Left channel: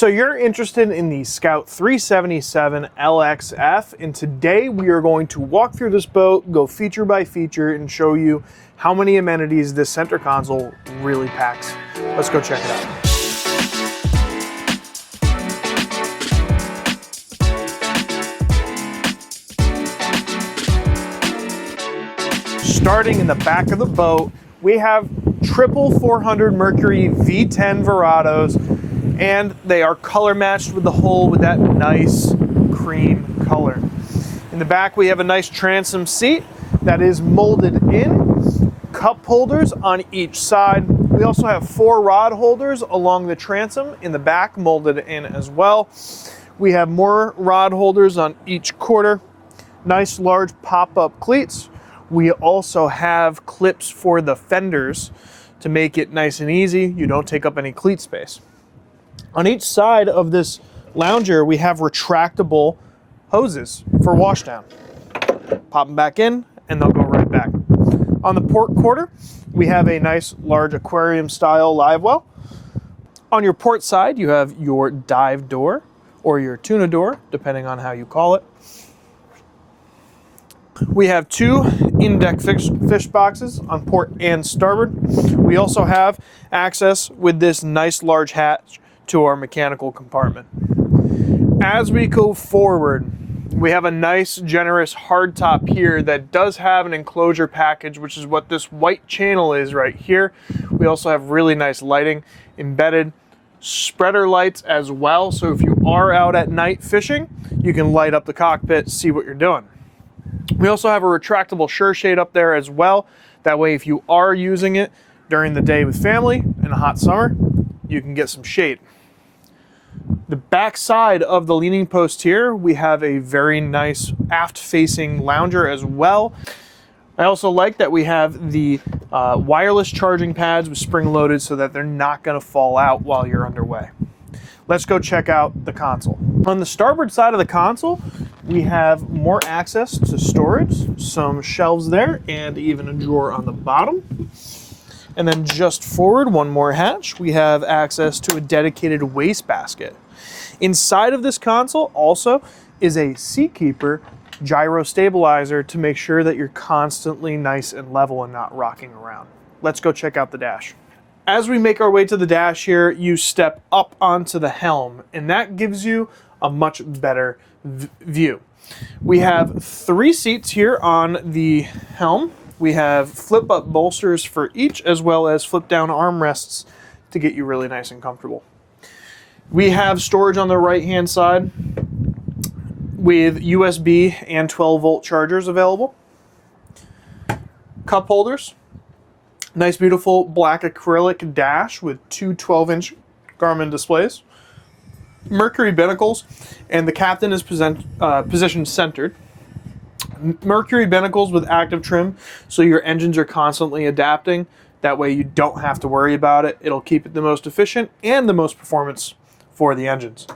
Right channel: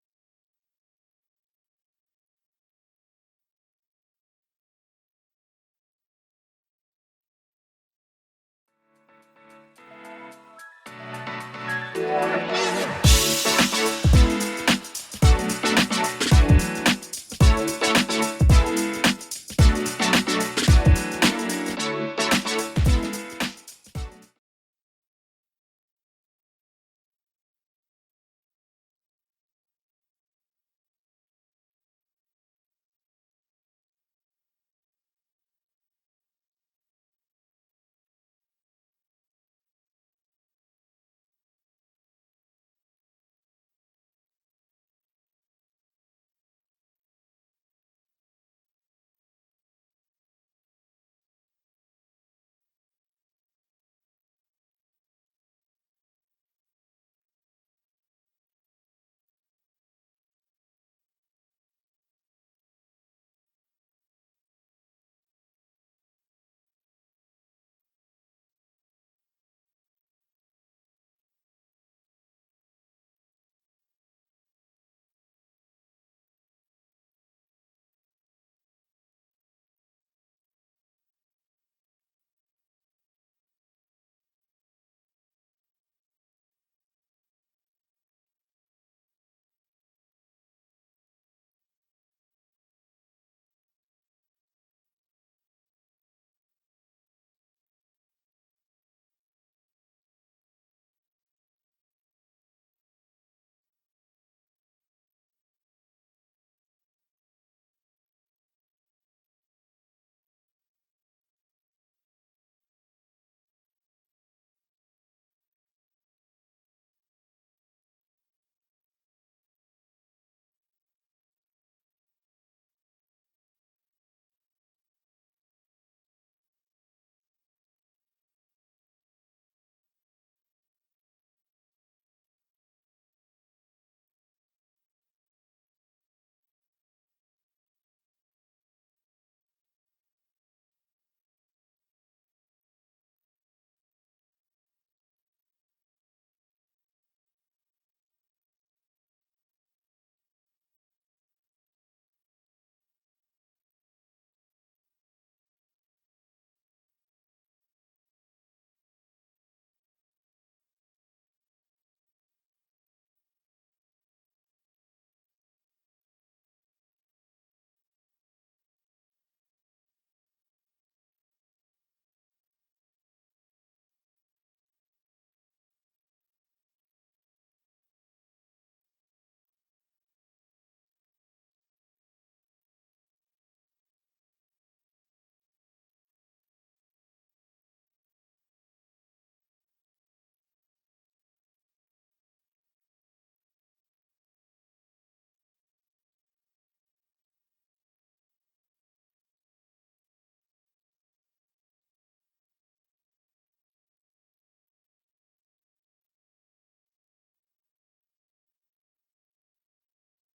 So you're interested in the Scout 377 LXF, and today we are going to walk through this boat, go feature by feature, and show you how many amenities this center console really packs. Let's go check it out. Starting in the back of the boat, we have triple 400 Mercury V10 Verados, and they are color matched with the hull with that nice cream color. In the back, we have a nice transom seat that is molded in, cup holders on each side. We also have 4 rod holders along the transom in the back, molded in as well. We have more rod holders on each quarter, nice large pop-up cleats. We also have clips for the fenders to make it nice and easy. You don't take up any cleat space. On each side of this lounger, we have retractable hoses for washdown. Pop them back in and they'll go right back. On the port quarter, we have a nice large aquarium style live well. On your port side, you have your dive door or your tuna door, depending on how you call it. We have 2 in-deck fish boxes on port and starboard. We also have access with this nice large hatch to our mechanical compartment. As we go forward, we have a nice generous hardtop here that does have an enclosure package, which is what this white channel is right here. We also have really nice lighting, embedded spreader lights as well, so if you are out at night fishing, you can light up the cockpit, see what you're doing. We also have a retractable sure shade up there as well. That way, if you are using it during the day with family in a hot summer, you can get some shade. The back side of the leaning post here, we have a very nice aft-facing lounger as well. I also like that we have the wireless charging pads with spring-loaded so that they're not going to fall out while you're underway. Let's go check out the console. On the starboard side of the console, we have more access to storage, some shelves there, and even a drawer on the bottom. And then just forward, one more hatch, we have access to a dedicated wastebasket. Inside of this console also is a Seakeeper gyro stabilizer to make sure that you're constantly nice and level and not rocking around. Let's go check out the dash. As we make our way to the dash here, you step up onto the helm, and that gives you a much better view. We have 3 seats here on the helm. We have flip-up bolsters for each, as well as flip-down armrests to get you really nice and comfortable. We have storage on the right-hand side with USB and 12-volt chargers available. Cup holders. Nice, beautiful black acrylic dash with 2 12-inch Garmin displays. Mercury binnacles, and the captain is positioned centered. Mercury binnacles with active trim, so your engines are constantly adapting. That way you don't have to worry about it. It'll keep it the most efficient and the most performance for the engines.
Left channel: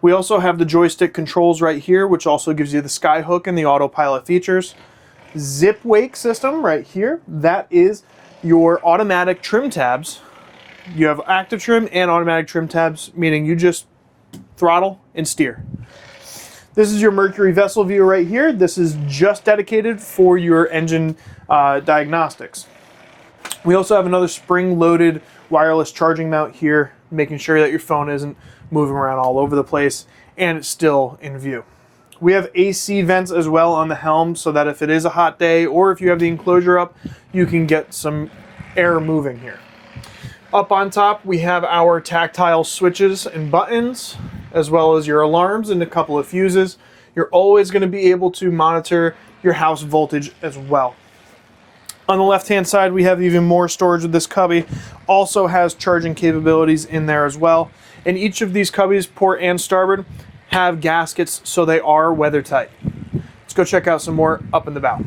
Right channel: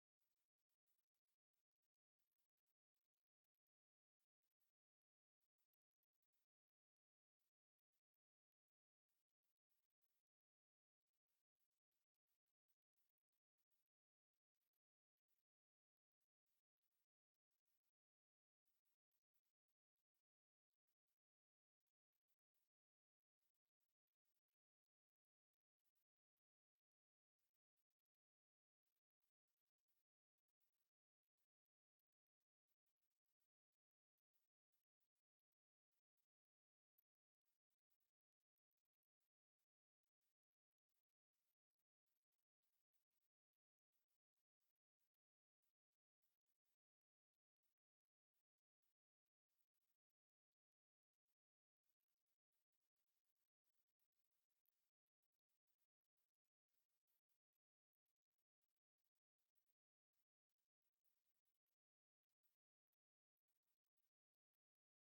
We also have the joystick controls right here, which also gives you the skyhook and the autopilot features. Zip wake system right here. That is your automatic trim tabs. You have active trim and automatic trim tabs, meaning you just throttle and steer. This is your Mercury vessel view right here. This is just dedicated for your engine diagnostics. We also have another spring-loaded wireless charging mount here, making sure that your phone isn't moving around all over the place and it's still in view. We have AC vents as well on the helm so that if it is a hot day or if you have the enclosure up, you can get some air moving here. Up on top, we have our tactile switches and buttons, as well as your alarms and a couple of fuses. You're always going to be able to monitor your house voltage as well. On the left-hand side, we have even more storage with this cubby. Also has charging capabilities in there as well. And each of these cubbies, port and starboard, have gaskets, so they are weather tight. Let's go check out some more up in the bow.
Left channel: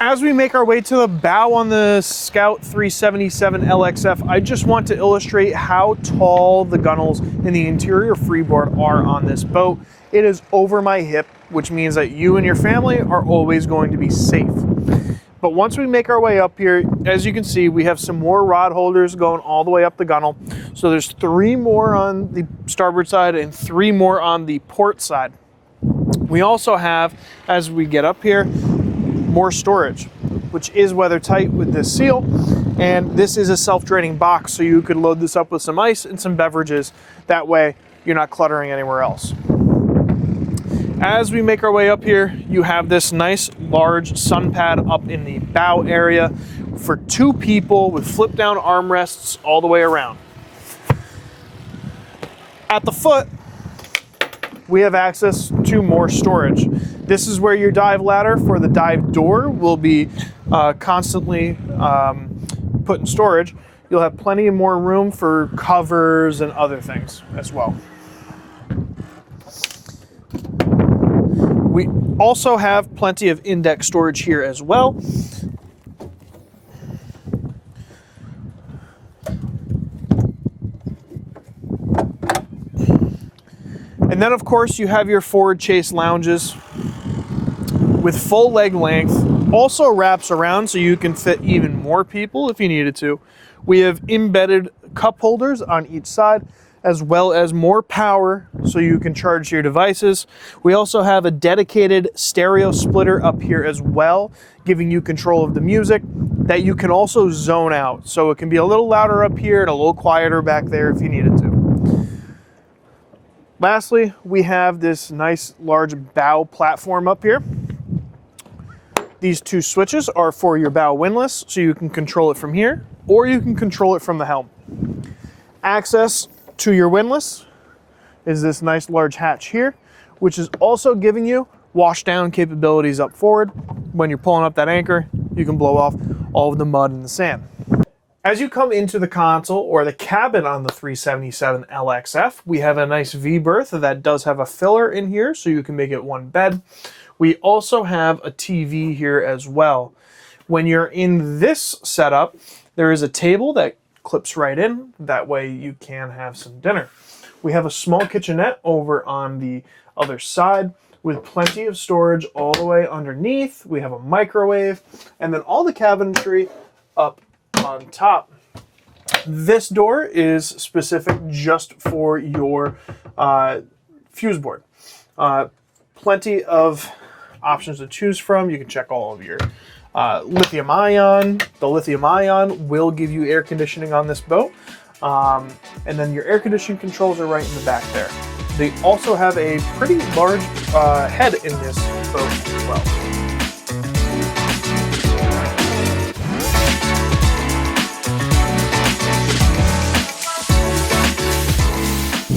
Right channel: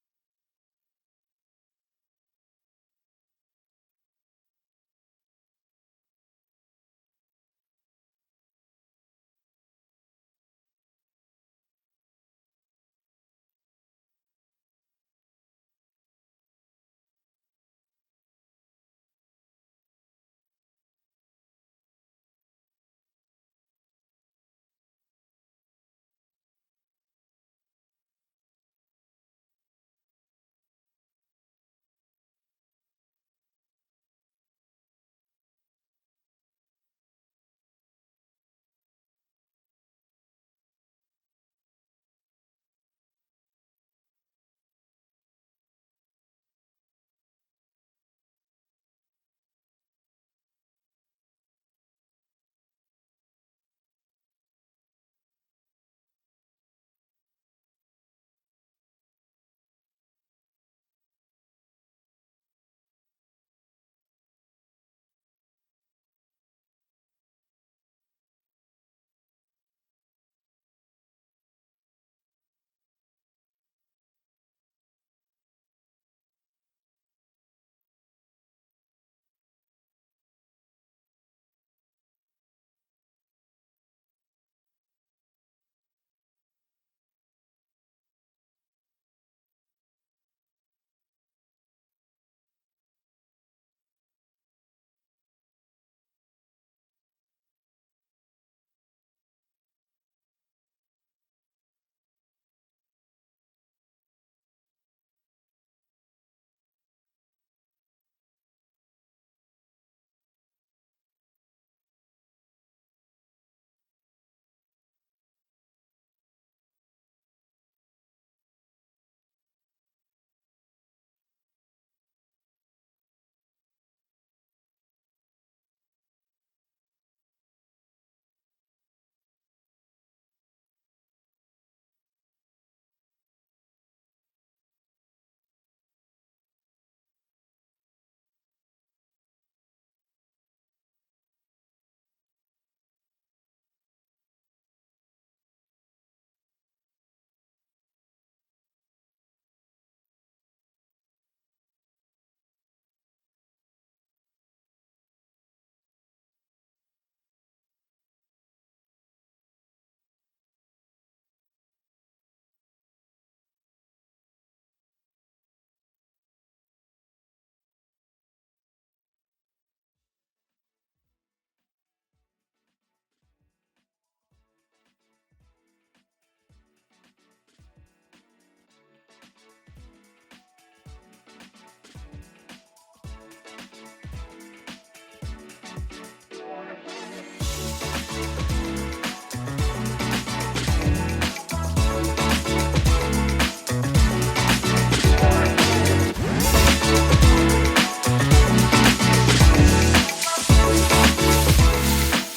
As we make our way to the bow on the Scout 377 LXF, I just want to illustrate how tall the gunnels and the interior freeboard are on this boat. It is over my hip, which means that you and your family are always going to be safe. But once we make our way up here, as you can see, we have some more rod holders going all the way up the gunnel. So there's 3 more on the starboard side and 3 more on the port side. We also have, as we get up here, more storage, which is weather tight with this seal. And this is a self-draining box, so you could load this up with some ice and some beverages. That way you're not cluttering anywhere else. As we make our way up here, you have this nice large sun pad up in the bow area for 2 people with flip down armrests all the way around. At the foot, we have access to more storage. This is where your dive ladder for the dive door will be constantly put in storage. You'll have plenty of more room for covers and other things as well. We also have plenty of in-deck storage here as well. And then of course you have your forward chase lounges with full leg length. Also wraps around so you can fit even more people if you needed to. We have embedded cup holders on each side, as well as more power so you can charge your devices. We also have a dedicated stereo splitter up here as well, giving you control of the music that you can also zone out. So it can be a little louder up here and a little quieter back there if you needed to. Lastly, we have this nice large bow platform up here. These 2 switches are for your bow windlass, so you can control it from here, or you can control it from the helm. Access to your windlass is this nice large hatch here, which is also giving you wash down capabilities up forward. When you're pulling up that anchor, you can blow off all of the mud and the sand. As you come into the console or the cabin on the 377 LXF, we have a nice V berth that does have a filler in here, so you can make it 1 bed. We also have a TV here as well. When you're in this setup, there is a table that clips right in. That way you can have some dinner. We have a small kitchenette over on the other side with plenty of storage all the way underneath. We have a microwave and then all the cabinetry up on top. This door is specific just for your fuse board. Plenty of options to choose from. You can check all of your lithium ion. The lithium ion will give you air conditioning on this boat. And then your air conditioning controls are right in the back there. They also have a pretty large head in this boat as well.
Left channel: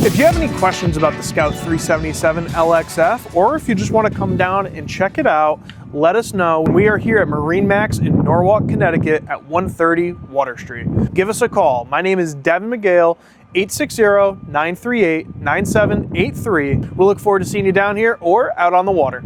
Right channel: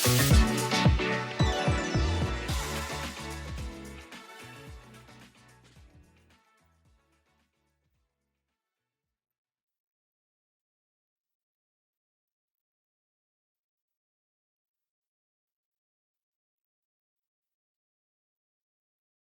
If you have any questions about the Scout 377 LXF, or if you just want to come down and check it out, let us know. We are here at MarineMax in Norwalk, Connecticut at 130 Water Street. Give us a call. My name is Devin McGale, 860-938-9783. We'll look forward to seeing you down here or out on the water.